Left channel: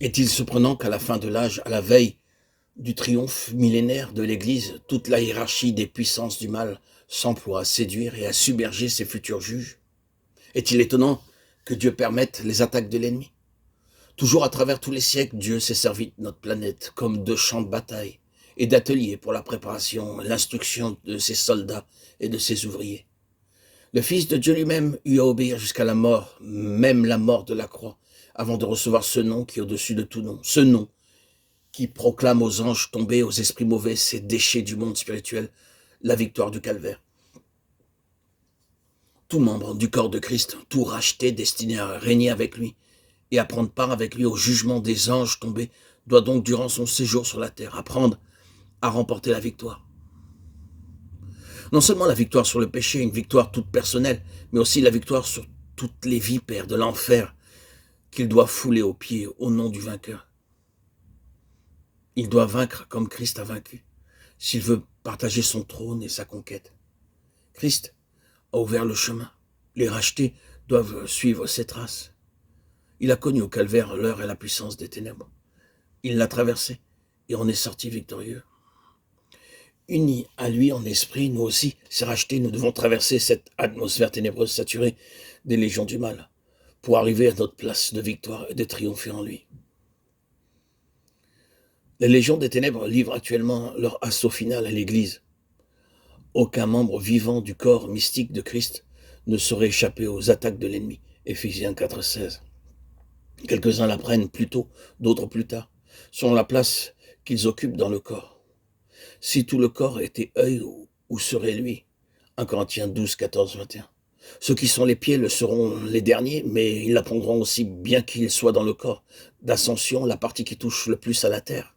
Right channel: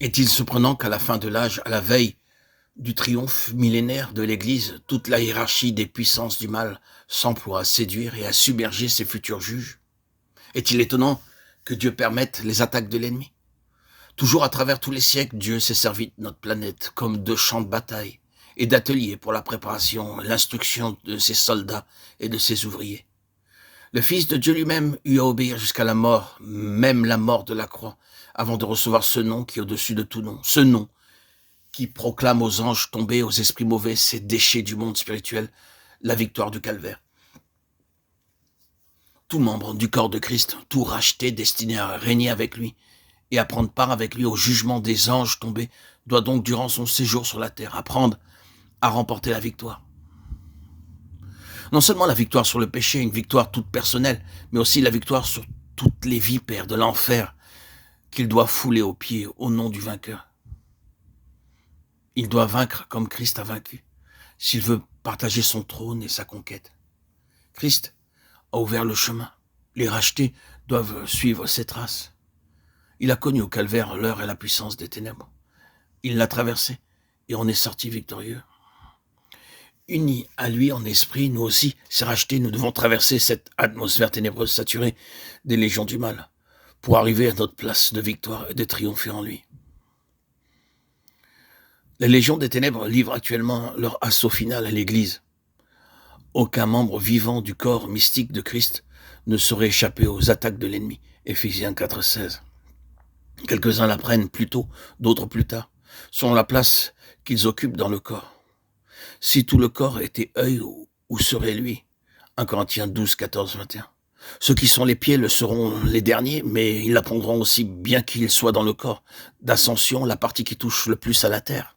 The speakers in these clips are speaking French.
Est-il surprenant qu'à la fin de l'âge, à la veille du triomphe millénaire de l'Église, toute la hiérarchie des puissances du mal s'emploie à séduire et à submerger ses futurs juges? Est-il étonnant que Dieu permette les attaques de l'ennemi? Toujours à travers tous les siècles, Dieu s'est servi de notre planète comme de champ de bataille et d'atelier pour la préparation et l'instruction de ses soldats et de ses ouvriers. Le Fils de Dieu lui-même eut à obéir jusqu'à la mort, même la mort de la croix, avant de recevoir ce nom qui est au-dessus de tout nom, ce nom qui proclame aux anges tombés, aux esprits mauvais, ces déchets du monde spirituel, la victoire du calvaire. Tout membre du corps de Christ, tout racheté, destiné à régner avec lui et à prendre part avec lui au jugement des anges tombés, doit donc, durant son séjour sur la terre, apprendre à remporter la victoire. Non seulement la victoire sur le péché, une victoire toute personnelle, mais aussi la victoire sur toutes les vipères de l'enfer qu'il doit fouler aux pieds au nom du vainqueur. Il doit vaincre comme Christ a vaincu, s'il veut partager son trône et sa conquête. Christ a ouvert le chemin. Les rachetés doivent suivre ses traces. Il a connu au calvaire l'heure et la puissance des ténèbres. Il l'a traversé et on est sorti victorieux. Unis à lui en esprit, nous aussi, ces rachetés, nous devons traverser cette atmosphère ténébreuse saturée des légions du mal pour arriver à notre place de victoire et de triompher en lui. Les légions des ténèbres livrent actuellement leur assaut final à l'Église. Aucun membre vivant du corps mystique de Christ ne saurait échapper aux attaques de l'ennemi. Éphésiens 4,16. Quelques-uns la prennent plus tôt, d'autres plus tard, selon la place qu'ils occupent dans le corps. Si tout le corps était œil, où serait lui? 1 Corinthiens 12, 14, 21. Ceux qui sont les pieds le seront les derniers, mais ils l'apprendront aussi bien qu'ils soient dans le corps d'ascension, la partie qui touche le plus à la terre.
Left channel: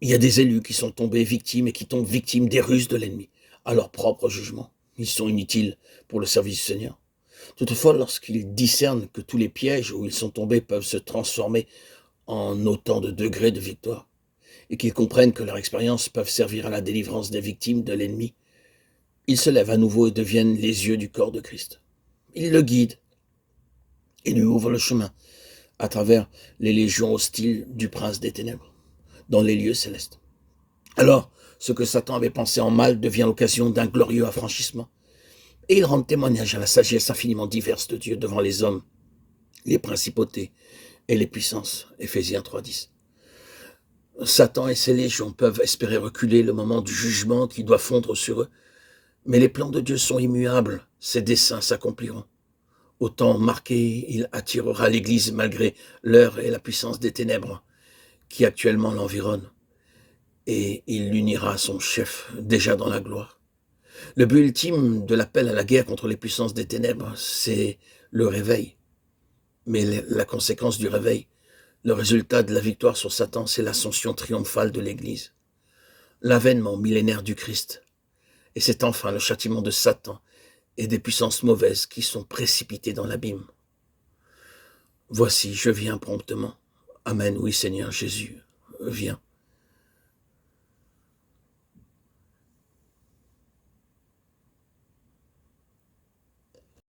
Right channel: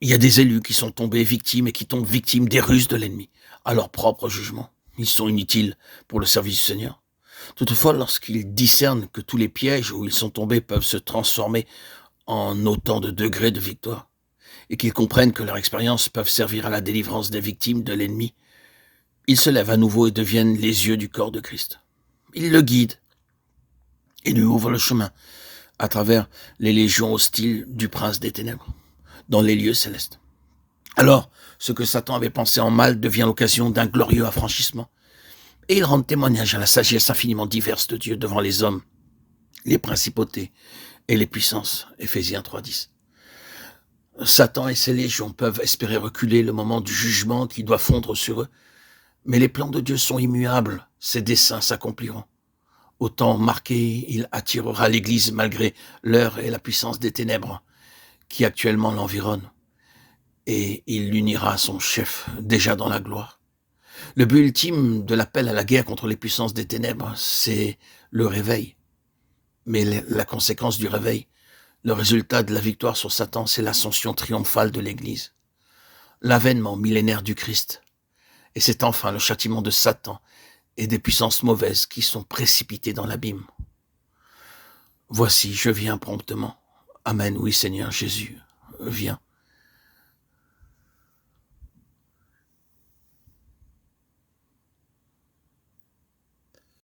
Il y a des élus qui sont tombés victimes et qui tombent victimes des ruses de l'ennemi, à leur propre jugement. Ils sont inutiles pour le service du Seigneur. Toutefois, lorsqu'ils discernent que tous les pièges où ils sont tombés peuvent se transformer en autant de degrés de victoire, et qu'ils comprennent que leurs expériences peuvent servir à la délivrance des victimes de l'ennemi, ils se lèvent à nouveau et deviennent les yeux du corps de Christ. Ils le guident et lui ouvrent le chemin à travers les légions hostiles du prince des ténèbres, dans les lieux célestes. Alors, ce que Satan avait pensé en mal devient l'occasion d'un glorieux affranchissement, et ils rendent témoignage à la sagesse infiniment diverse de Dieu devant les hommes, les principautés et les puissances. Éphésiens 3,10. Satan et ses légions peuvent espérer reculer le moment du jugement qui doit fondre sur eux, mais les plans de Dieu sont immuables, ses desseins s'accompliront. Au temps marqué, il attirera l'Église malgré l'heure et la puissance des ténèbres qui actuellement l'environnent, et il l'unira à son chef déjà dans la gloire. Le but ultime de l'appel à la guerre contre les puissances des ténèbres, c'est le réveil. Mais la conséquence du réveil, le résultat de la victoire sur Satan, c'est l'ascension triomphale de l'Église, l'avènement millénaire du Christ. Et c'est enfin le châtiment de Satan et des puissances mauvaises qui sont précipitées dans l'abîme. Voici, je viens promptement. Amen, oui Seigneur Jésus, viens.